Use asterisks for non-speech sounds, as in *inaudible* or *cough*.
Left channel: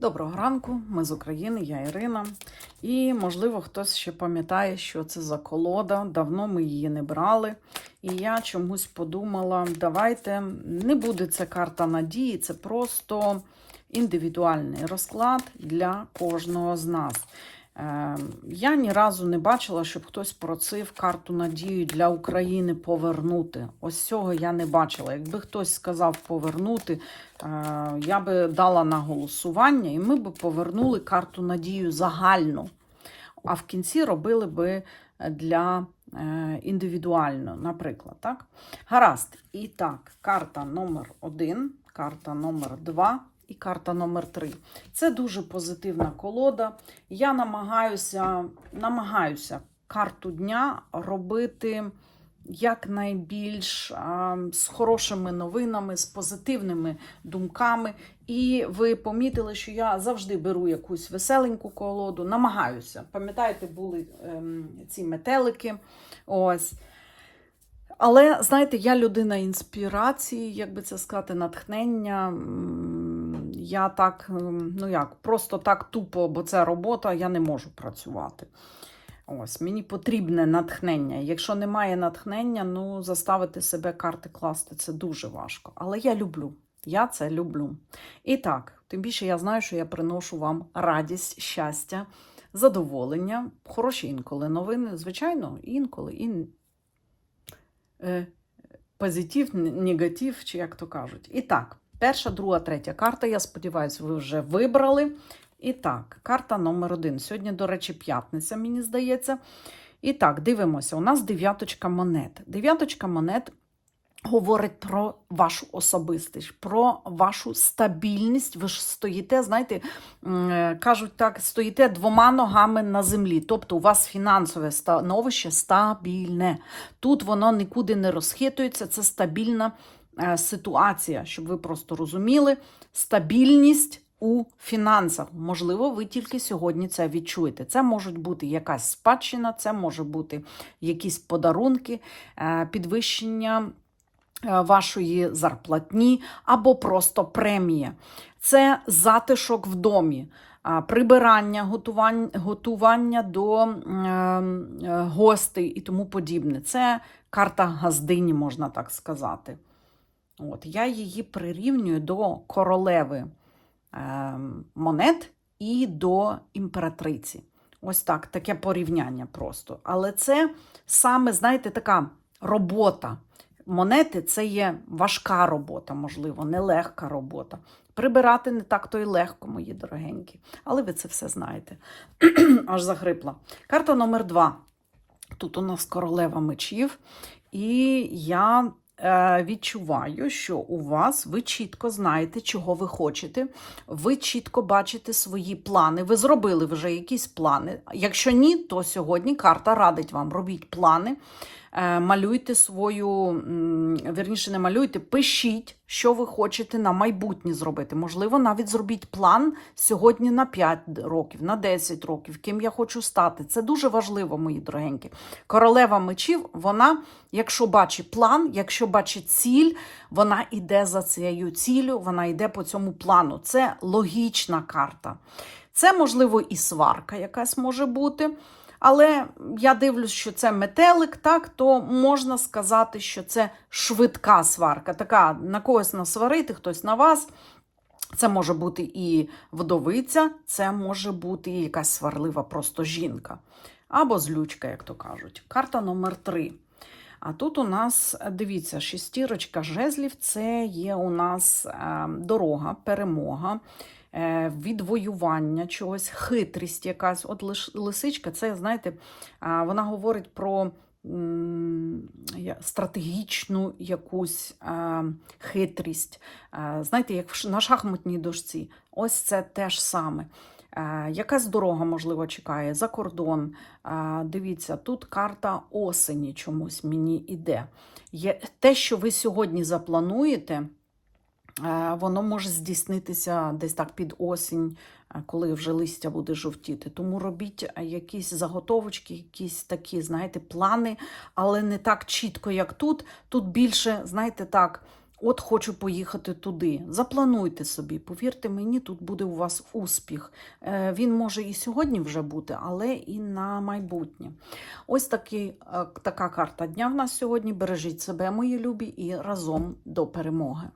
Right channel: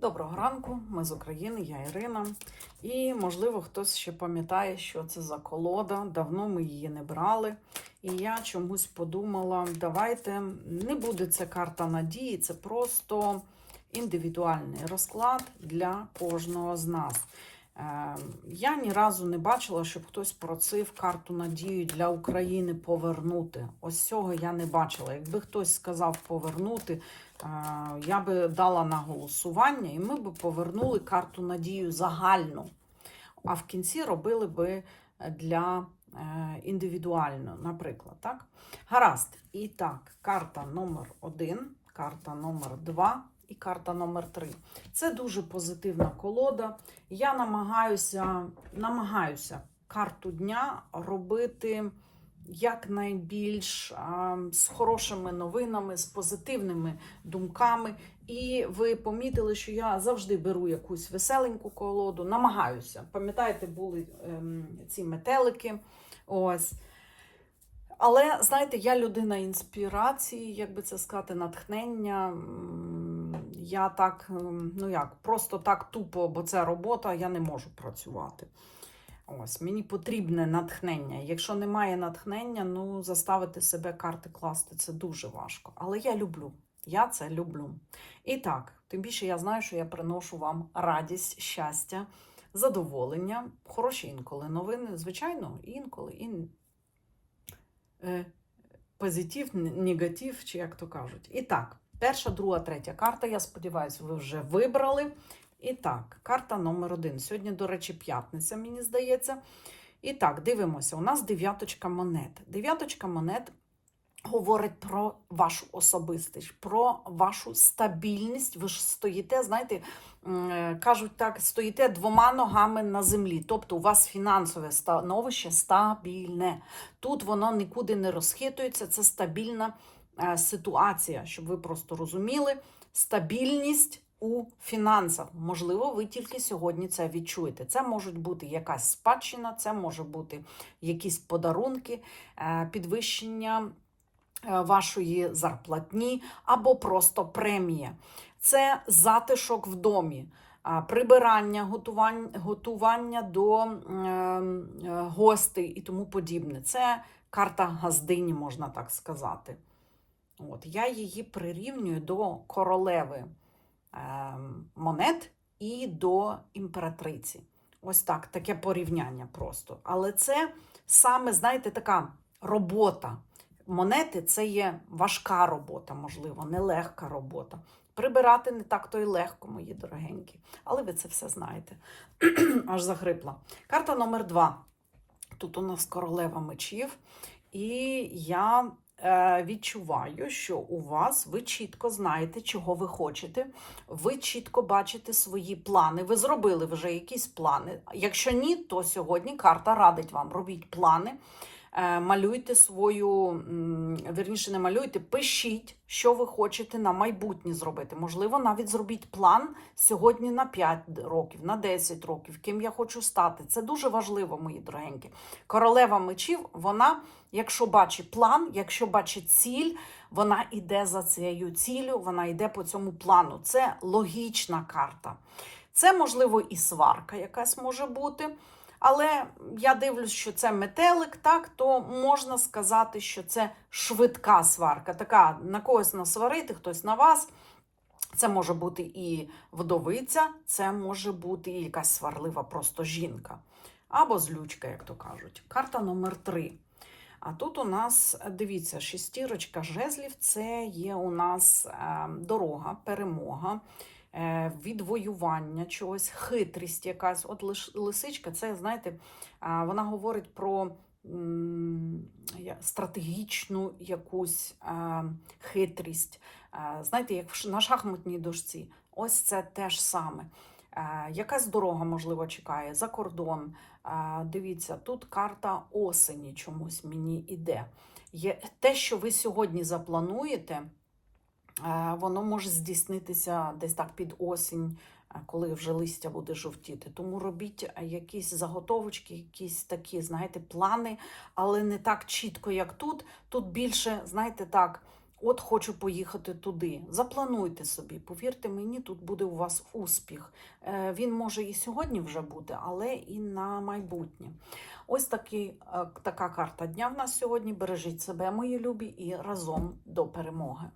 Доброго ранку, ми з України, я Ірина. І, можливо, хтось ще пам'ятає, що це за колода. Давно ми її не брали. І я чомусь подумала: давайте не буде це карта надії, це просто індивідуальний розклад для кожного з нас. Е, Я ні разу не бачила, щоб хтось просив карту надію для України повернути. Ось цього я не бачила. Якби хтось сказав повернути, е, я би дала на голосування, і ми б повернули карту надію загальну. А в кінці робили би для е, індивідуально, наприклад. Так? Гаразд. І так, карта номер один, карта номер два і карта номер 3 Це дуже позитивна колода. Я намагаюся, намагаюся карту дня робити якнайбільш з хорошими новинами, з позитивними думками. І ви помітили, що я завжди беру якусь веселеньку колоду, намагаюся. Пам'ятаєте, були ем, ці метелики. Ось. Але знаєте, я людина інспірації, як би це сказати, натхнення. Я так, ем, ну як, просто так тупо, бо це робота, я не можу працювати. Ось, мені потрібне натхнення. Якщо немає натхнення, ну заставити себе карти класти це дуже важко. Але я люблю. Я це люблю. І так, тим більше я знаю, що я приношу вам радість, щастя, задоволення, хороші інколи новини, звичайно, інколи і е, позитив, негатив, чи як то кажуть. І так, перша, друга, третя карта. Я сподіваюся, ви вже вибрали. І так, карта номер один. Сьогодні, до речі, п'ятниця, мені здається. І так, дивимося. У нас дев'яточка монет. Дев'яточка монет говорить про вашу особистість, про вашу стабільність. Ви ж стоїте, знаєте, е, кажуть так, стоїте двома ногами на землі. Тобто у вас фінансове становище стабільне. Тут воно нікуди не розхитується, це стабільна ситуація, щоб ви просто розуміли. Стабільність у фінансах. Можливо, ви тільки сьогодні це відчуєте. Це може бути якась спадщина, це може бути якісь подарунки, е, підвищення е, вашої зарплатні або просто премія. Це затишок в домі. Прибирання, готування, до е, гостей і тому подібне. Це карта газдині, можна так сказати. От, я її прирівнюю до королеви е, монет і до імператриці. Ось так, таке порівняння просто. Але це саме, знаєте, така робота. Монети це є важка робота, можливо, нелегка робота. Прибирати не так то й легко, мої дорогенькі. Але ви це все знаєте. *clears throat* Аж захрипла. Карта номер два. Тут у нас королева мечів. І я відчуваю, що у вас ви чітко знаєте, чого ви хочете. Ви чітко бачите свої плани. Ви зробили вже якісь плани. Якщо ні, то сьогодні карта радить вам. Робіть плани. Е, Малюйте свою, м, вірніше, не малюйте, пишіть, що ви хочете на майбутнє зробити. Можливо, навіть зробіть план сьогодні на 5 років, на 10 років, ким я хочу стати. Це дуже важливо, мої дорогенькі. Королева мечів, вона, якщо бачить план, якщо бачить ціль, вона йде за цією ціллю, вона йде по цьому плану. Це логічна карта. Це, можливо, і сварка якась може бути. Але я дивлюсь, що це метелик, так, то можна сказати, що це швидка сварка. Така на когось насварити, хтось на вас. Це може бути і вдовиця, це може бути і якась сварлива просто жінка. Або злючка, як то кажуть. Карта номер 3. А тут у нас, дивіться, шестірочка жезлів це є у нас е, дорога, перемога, відвоювання чогось, хитрість якась. От лисичка, це, знаєте, е, вона говорить про стратегічну якусь е, хитрість. Е, Знаєте, як на шахматній дошці. Ось це те ж саме. Е, Якась дорога, можливо, чекає за кордон. Е, Дивіться, тут карта осені чомусь мені іде. Є те, що ви сьогодні заплануєте, е, воно може здійснитися десь так під осінь, е, коли вже листя буде жовтіти. Тому робіть е, якісь заготовочки, якісь такі, знаєте, плани, але не так чітко, як тут. Тут більше, знаєте, так, От хочу поїхати туди. Заплануйте собі, повірте мені, тут буде у вас успіх. Е, Він може і сьогодні вже бути, але і на майбутнє. Ось такий, е, така карта дня в нас сьогодні. Бережіть себе, мої любі, і разом до перемоги.